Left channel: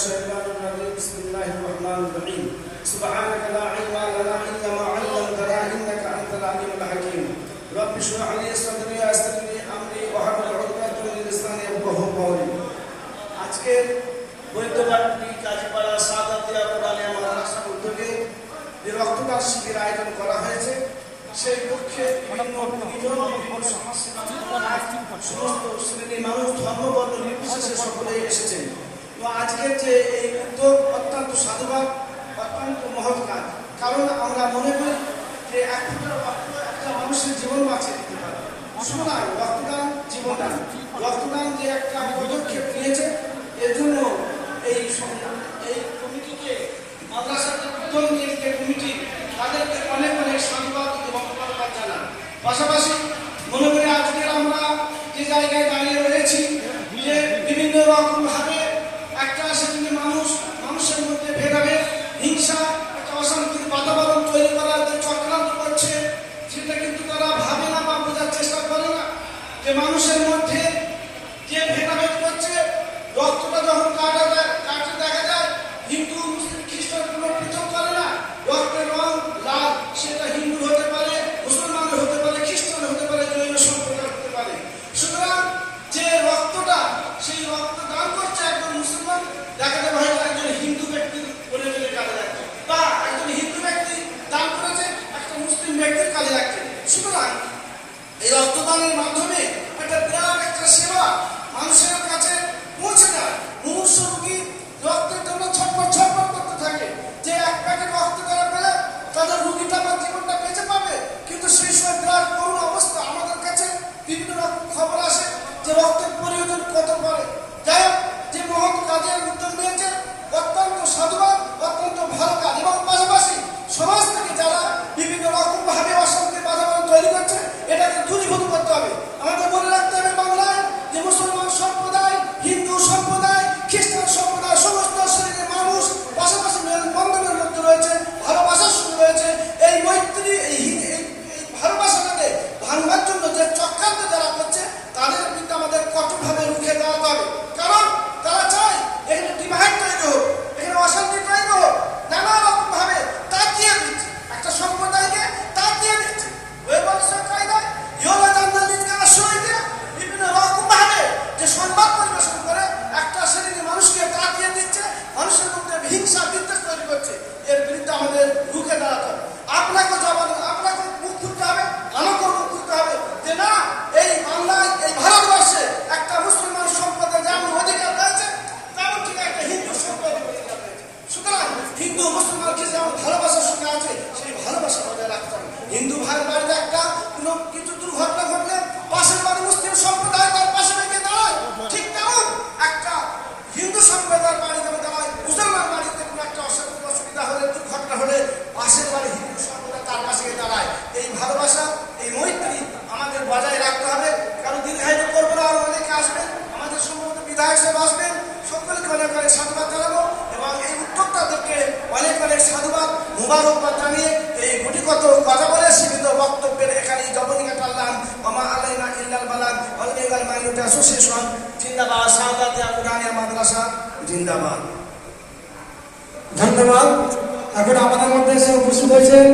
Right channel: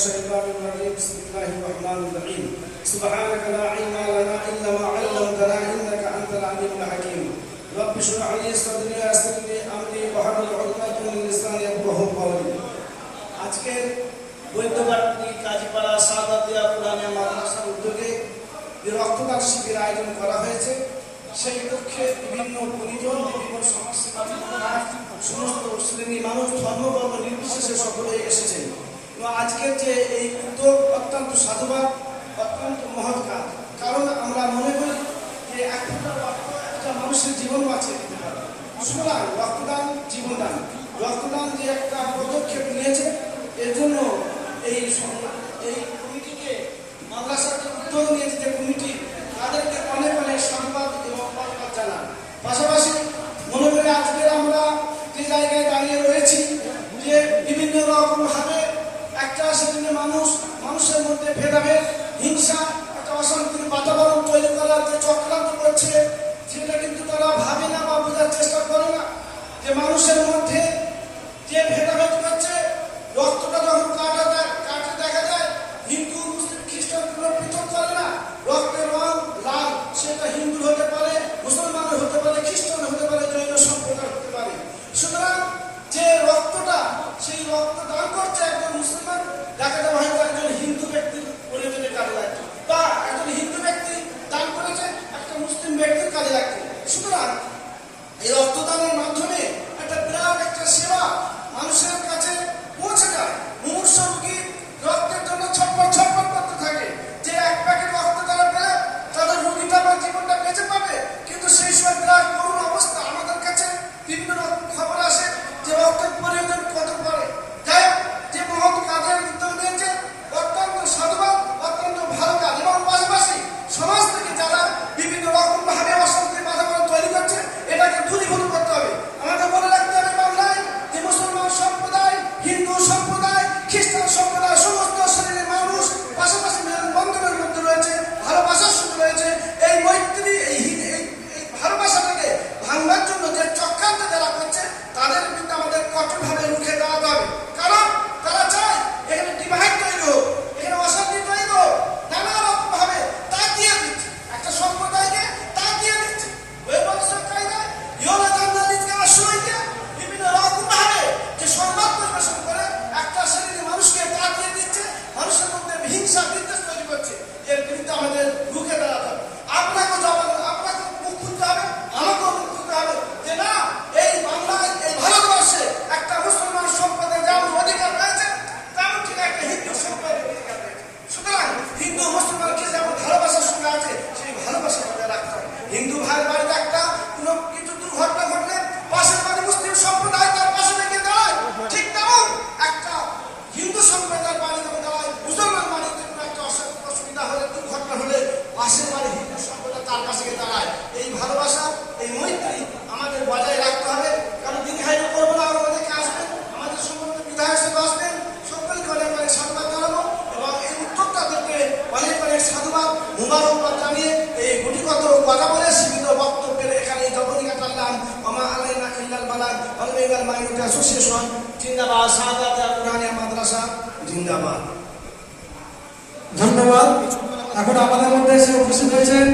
الشيطان الرجيم بسم الله الرحمن الرحيم سبحانك لا علم لنا الا ما علمتنا انك انت العليم الحكيم رب اشرح لي صدري ويسر لي امري واحلل عقدة من لساني يفقهوا قولي আজকের বৈদ্যবাটী কাজীপাড়া সাদাতিয়া কোরআনে মাদ্রাসার উদ্যোগে যে রক্তদান শিবির আয়োজন করা হয়েছে সেই লক্ষ্যে বিভিন্ন পরিজন বিভিন্ন সমাজসেবা সংগঠন, সমস্ত শ্রেণীর মানুষ ধর্মবর্ণ নির্বিশেষে সকলে এসেছেন আজকের যে এই উদ্যোগ অত্যন্ত সাধুবাদ, অত্যন্ত মহৎ কাজ। কারণ আমরা মনে করি যে এক ফোঁটা রক্ত একটা মানুষের জীবন বাঁচিয়ে সুতরাং রক্তদান, জীবনদান। রক্তদান যে একটা পদক্ষেপ নিয়েছে, এর জন্য এই এই কমিটিকে মাদ্রাসার উদ্যোগ নিয়েছে যে কমিটি, তাদেরকে অনেক অনেক সাধুবাদ এবং ধন্যবাদ জানান পাশাপাশি মনে করি আজকে আমরা যে জায়গায় দাঁড়িয়ে রয়েছি, যে বিভিন্ন রকম যে মানুষের মধ্যে যে ভেদাভেদ করছে, রক্তটা যখন কাটা কাটতে দেখা যায়, হিন্দু, মুসলিম, খ্রিস্টান কোনো পৃথক করে না। রক্তের রং লাল, সেটা হিন্দু হতে পারে মুসলমান হতে পারে খ্রিস্টান হতে পারে, জৈন সম্প্রদায় হতে পারে। সুতরাং যে রক্তটা, সেই রক্ত দান করছে একজন মুসলমান, দেখা যাবে হয়তো একজন হিন্দু ব্যক্তির প্রয়োজনে কাজে লাগছে বা একজন হিন্দু ব্যক্তি দান করেছে, একটা মুসলিম ব্যক্তির কাজে লাগছে সুতরাং এই রক্তদানের মাধ্যমে মানব আসে যে রক্তের প্রয়োজন কত পড়ে। যাই হোক, যে মহৎ কাজের উদ্যোগ নিয়েছে, অত্যন্ত সদবাদ অত্যন্ত ভালো কাজ এবং সমাজ থেকে যারা বিভিন্ন রকম ভাবে অশান্তি বাতাবরণ তৈরি করছে, এটাকে দূরীভূত হিন্দু ভাইয়ের বাড়িতে একটা কোনো কিছু দুর্ঘটনা ঘটলে পাশের বাড়ি মুসলিম সম্প্রদায় তার পাশে রেখে দাঁড়ায়। ঠিক তেমন একটা হিন্দু সম্প্রদায়ের বাড়িতে দাঁড়ায় মুসলমান বাড়িতে কোনো একটা অসুবিধা হলে, দুর্ঘটনা হলে পাশের বাড়ি হিন্দু সম্প্রদায় তার পাশে দাঁড়ায়। এই ভালোবাসা, এই মৈত্রী আমাদের বজায় রাখতে হবে। কারণ দীর্ঘায়িত করব না, আরও অনেকে আসবেন আমাদের সম্ভবত বিধায়ক সাহেব আসবেন। সকলকে অনেক অনেক সাধুবাদ জানাব এবং এই উত্তরটাদেরকে অনেক অনেক সাধুবাদ, মুবারকবাদ জানিয়ে এই গুটিগত বাজার জিন্দাবাদ। ধন্যবাদ। এখন আমাদের মধ্যে এসে উপস্থিত হয়েছেন